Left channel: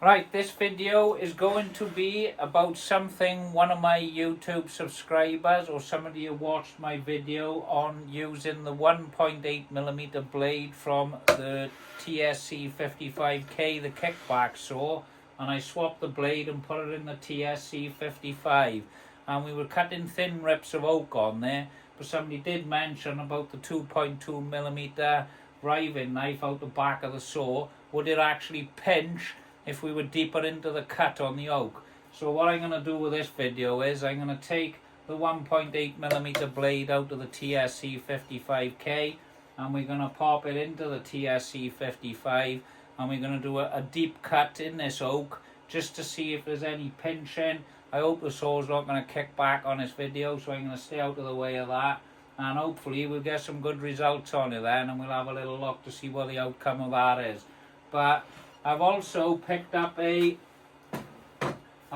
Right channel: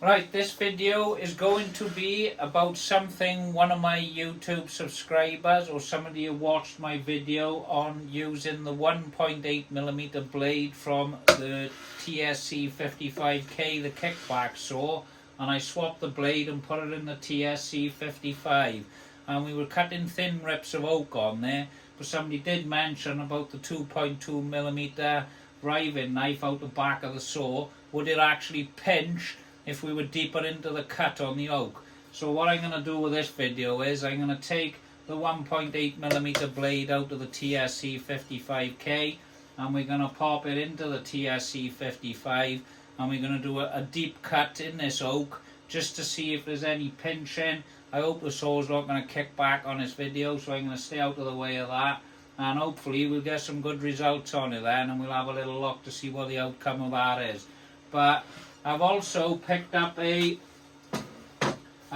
Right, this video is going to be about something one of my YouTube subscribers or somebody who watched my video on using the 1.8mm blade from the TSC55K, the kickback saw, and I swapped the blade and put it in the TSC55, and we were cutting thin rips of oak on there, but somebody did mention about the 2.2mm riving knife out the back of the saw. Would it actually pinch if we were deeper into the cut on the oak? So what I'm going to do with this video is I'm going to take the 1.8mm blade out of the TSC55K and we're going to pop it into the TSC55 and we're going to do a deep cut in this oak just to see if there's any pinching. I hope the saw's not going to kick back on this video, so I'm going to stay out of the way of that, and hopefully we'll get some good results on it then, and we'll have a little look to see what the outcome of that is. But I've also picked up a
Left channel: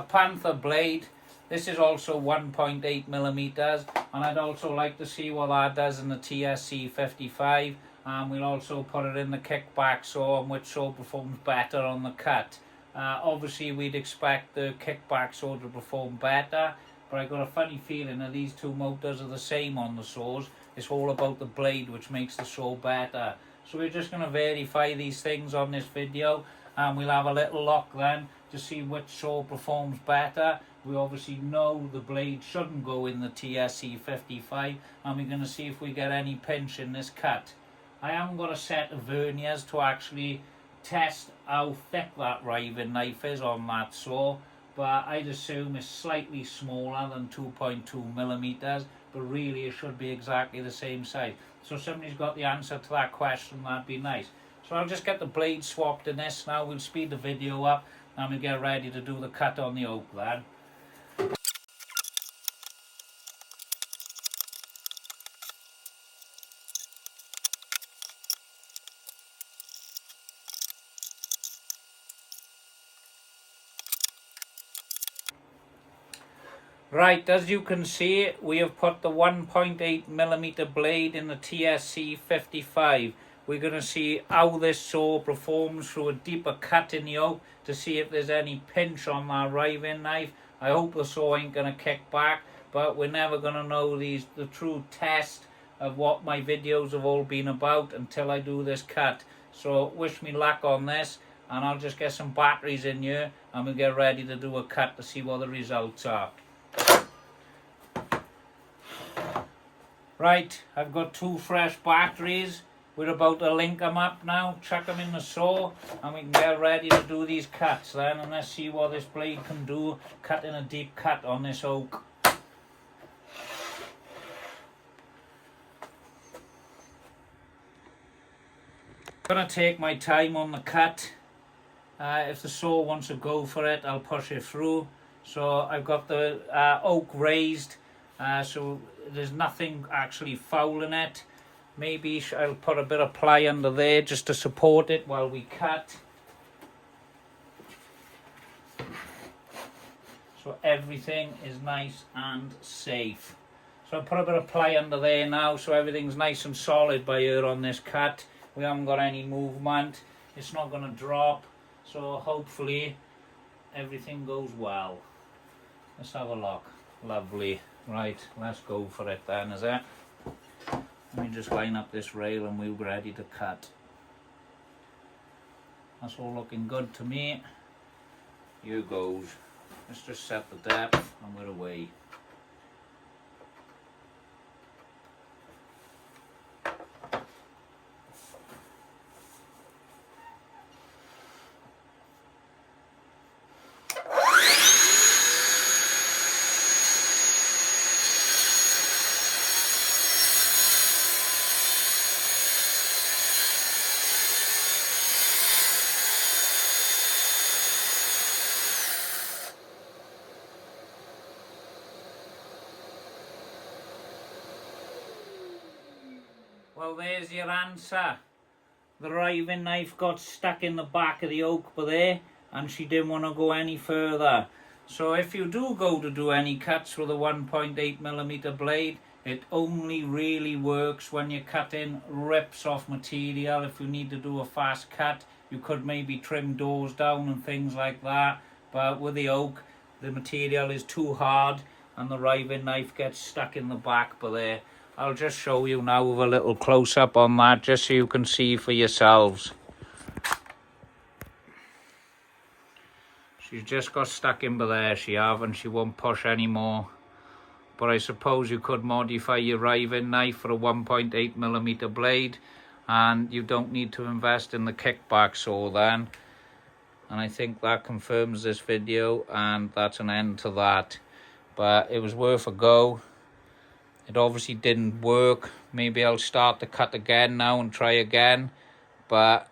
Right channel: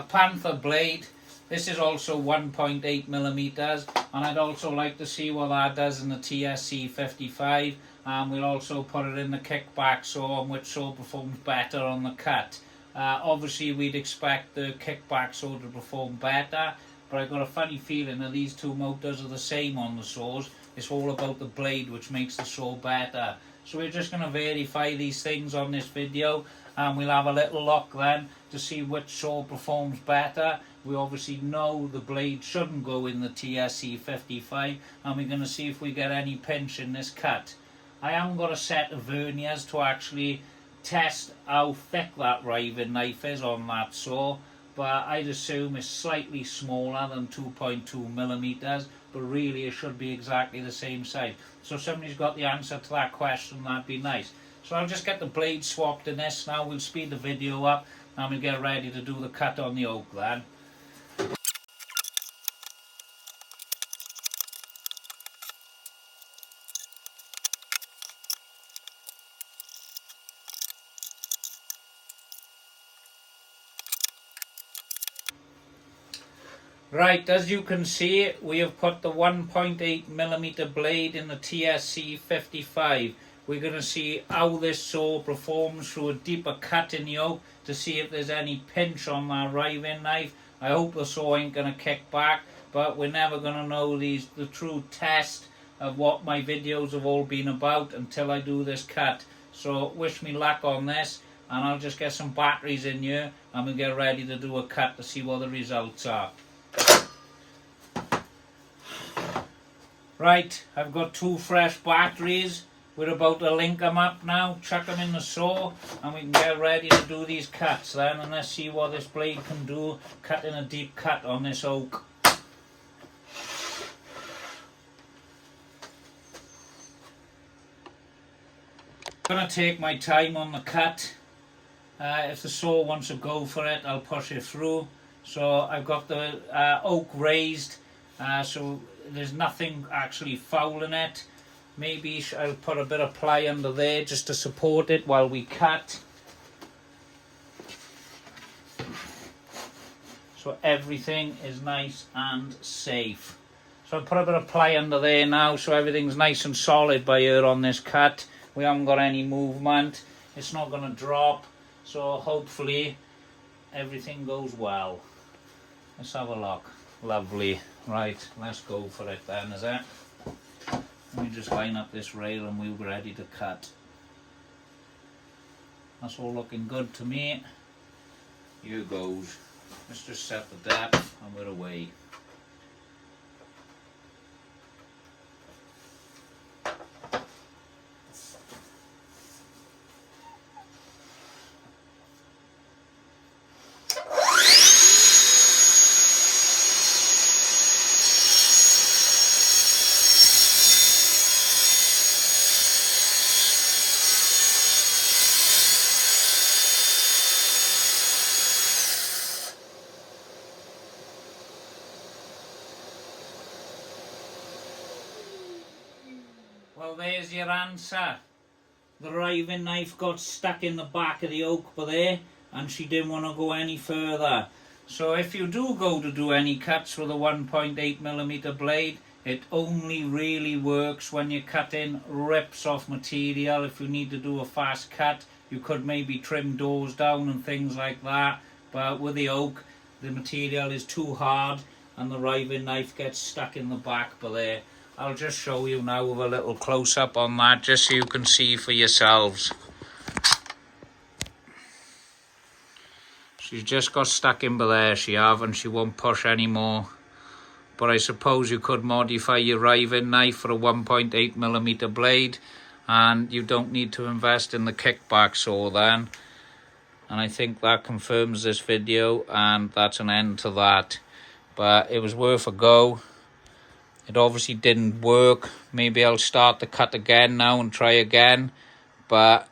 Panther blade. This is also 1.8mm, and I'd also like to see what that does in the TSC55, and we'll also put it in the kickback saw and which saw performs better on the cut. Obviously we'd expect the kickback saw to perform better, but I've got a funny feeling that these two motors are the same on the saws. It's all about the blade which makes the saw better. So we're just going to verify these things on this video, and we'll have a little look then to see which saw performs better. We obviously know the blade shouldn't go in the TSC55, and we're going to see if we get any pinch in this cut. I haven't got a set of verniers to actually test how thick that riving knife is on that saw, but I'd assume it's slightly smaller than 2.2mm, but really it should be exactly the same size. So if somebody's got the answer to that question, that'd be nice. So I'll just get the blade swapped in this now. We'll speed the video up and we'll get ready to do the cut on the oak then. Right, as you can see, we have put the 1.8mm blade in the TSC55. We're going to see how this saw performs through a deeper cut in the oak to see if there's any pinch on that riving knife. I hope the saw ain't going to kick back, but we're never going to know the true test of what my videos have all been about until I do this cut. So wish me luck on this, and I'll just get some batteries in here and we'll get ready to do a cut to see what the results are. Right, I've got 2 fresh batteries. We're about to link them up now, chuck them in the saw, and we can get ready to do these cuts then, and let's see what this blade can do, cutting a deep cut on this oak. I'm going to take my time on the cut. If the saw wants to go for it, I'll push it through. So I've got the oak raised, so there's nothing actually foul in it. Maybe I'll put a bit of ply under there just to support it while we cut. So everything is nice and safe. So I'll put a bit of ply under there now so everything's nice and solid by here on this cut. We haven't got any movement. It's not going to drop. So hopefully everything goes well. Let's have a look. Lovely. Right, let's go for it then, is it? Let me just line up this rail and we're ready to cut. That's all looking good to me. Here goes. Let's just set the depth and we're away. Well, there's your answer. The riving knife got stuck in the back of the oak there, and she didn't want to go any further. So if you do go to do any cuts with a 1.8mm blade, It only really works when you're cutting rips off material. If you need to do a fast cut, you could maybe trim doors down and things like that. But with the oak, the material is too hard and the riving knife gets stuck in the back. But there, I'll just show you now with a little close-up on that, just so you can see for yourselves. She's just got stuck in there, she have, and she won't push anymore. But I suppose you could modify your riving knife for a 1.8mm blade, and you don't need to invest in the kickback saw then. And I think that confirms this video, and that's an end to that. But it was worth a go. It obviously didn't work. Maybe I'll start the cut again now and try again. But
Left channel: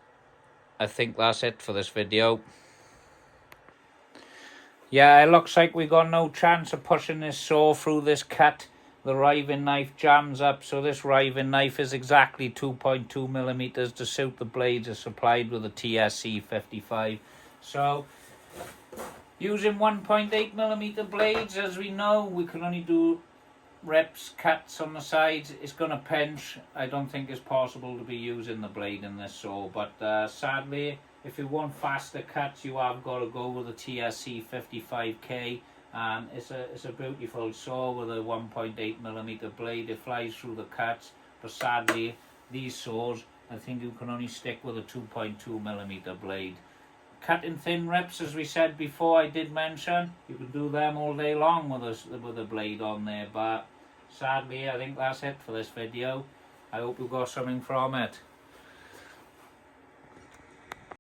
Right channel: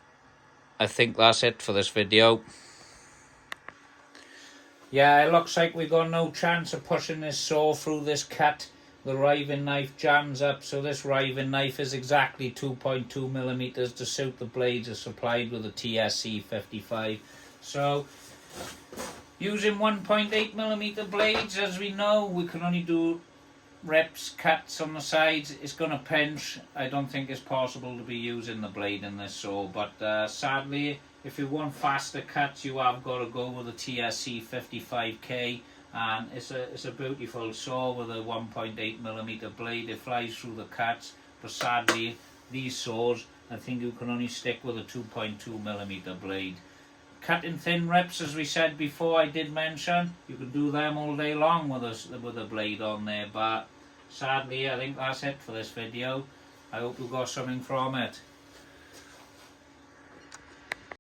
I think that's it for this video. Yeah, it looks like we got no chance of pushing this saw through this cut. The riving knife jams up, so this riving knife is exactly 2.2mm to suit the blades are supplied with a TSC55. So, using 1.8mm blades, as we know, we can only do rips, cuts on the sides. It's going to pinch. I don't think it's possible to be using the blade in this saw, but sadly, if you want faster cuts, you have got to go with the TSC55K, and it's a beautiful saw with a 1.8mm blade. It flies through the cuts, but sadly, these saws, I think you can only stick with a 2.2mm blade. Cutting thin rips, as we said before, I did mention, you could do them all day long with a blade on there, but sadly, I think that's it for this video. I hope you got something from it.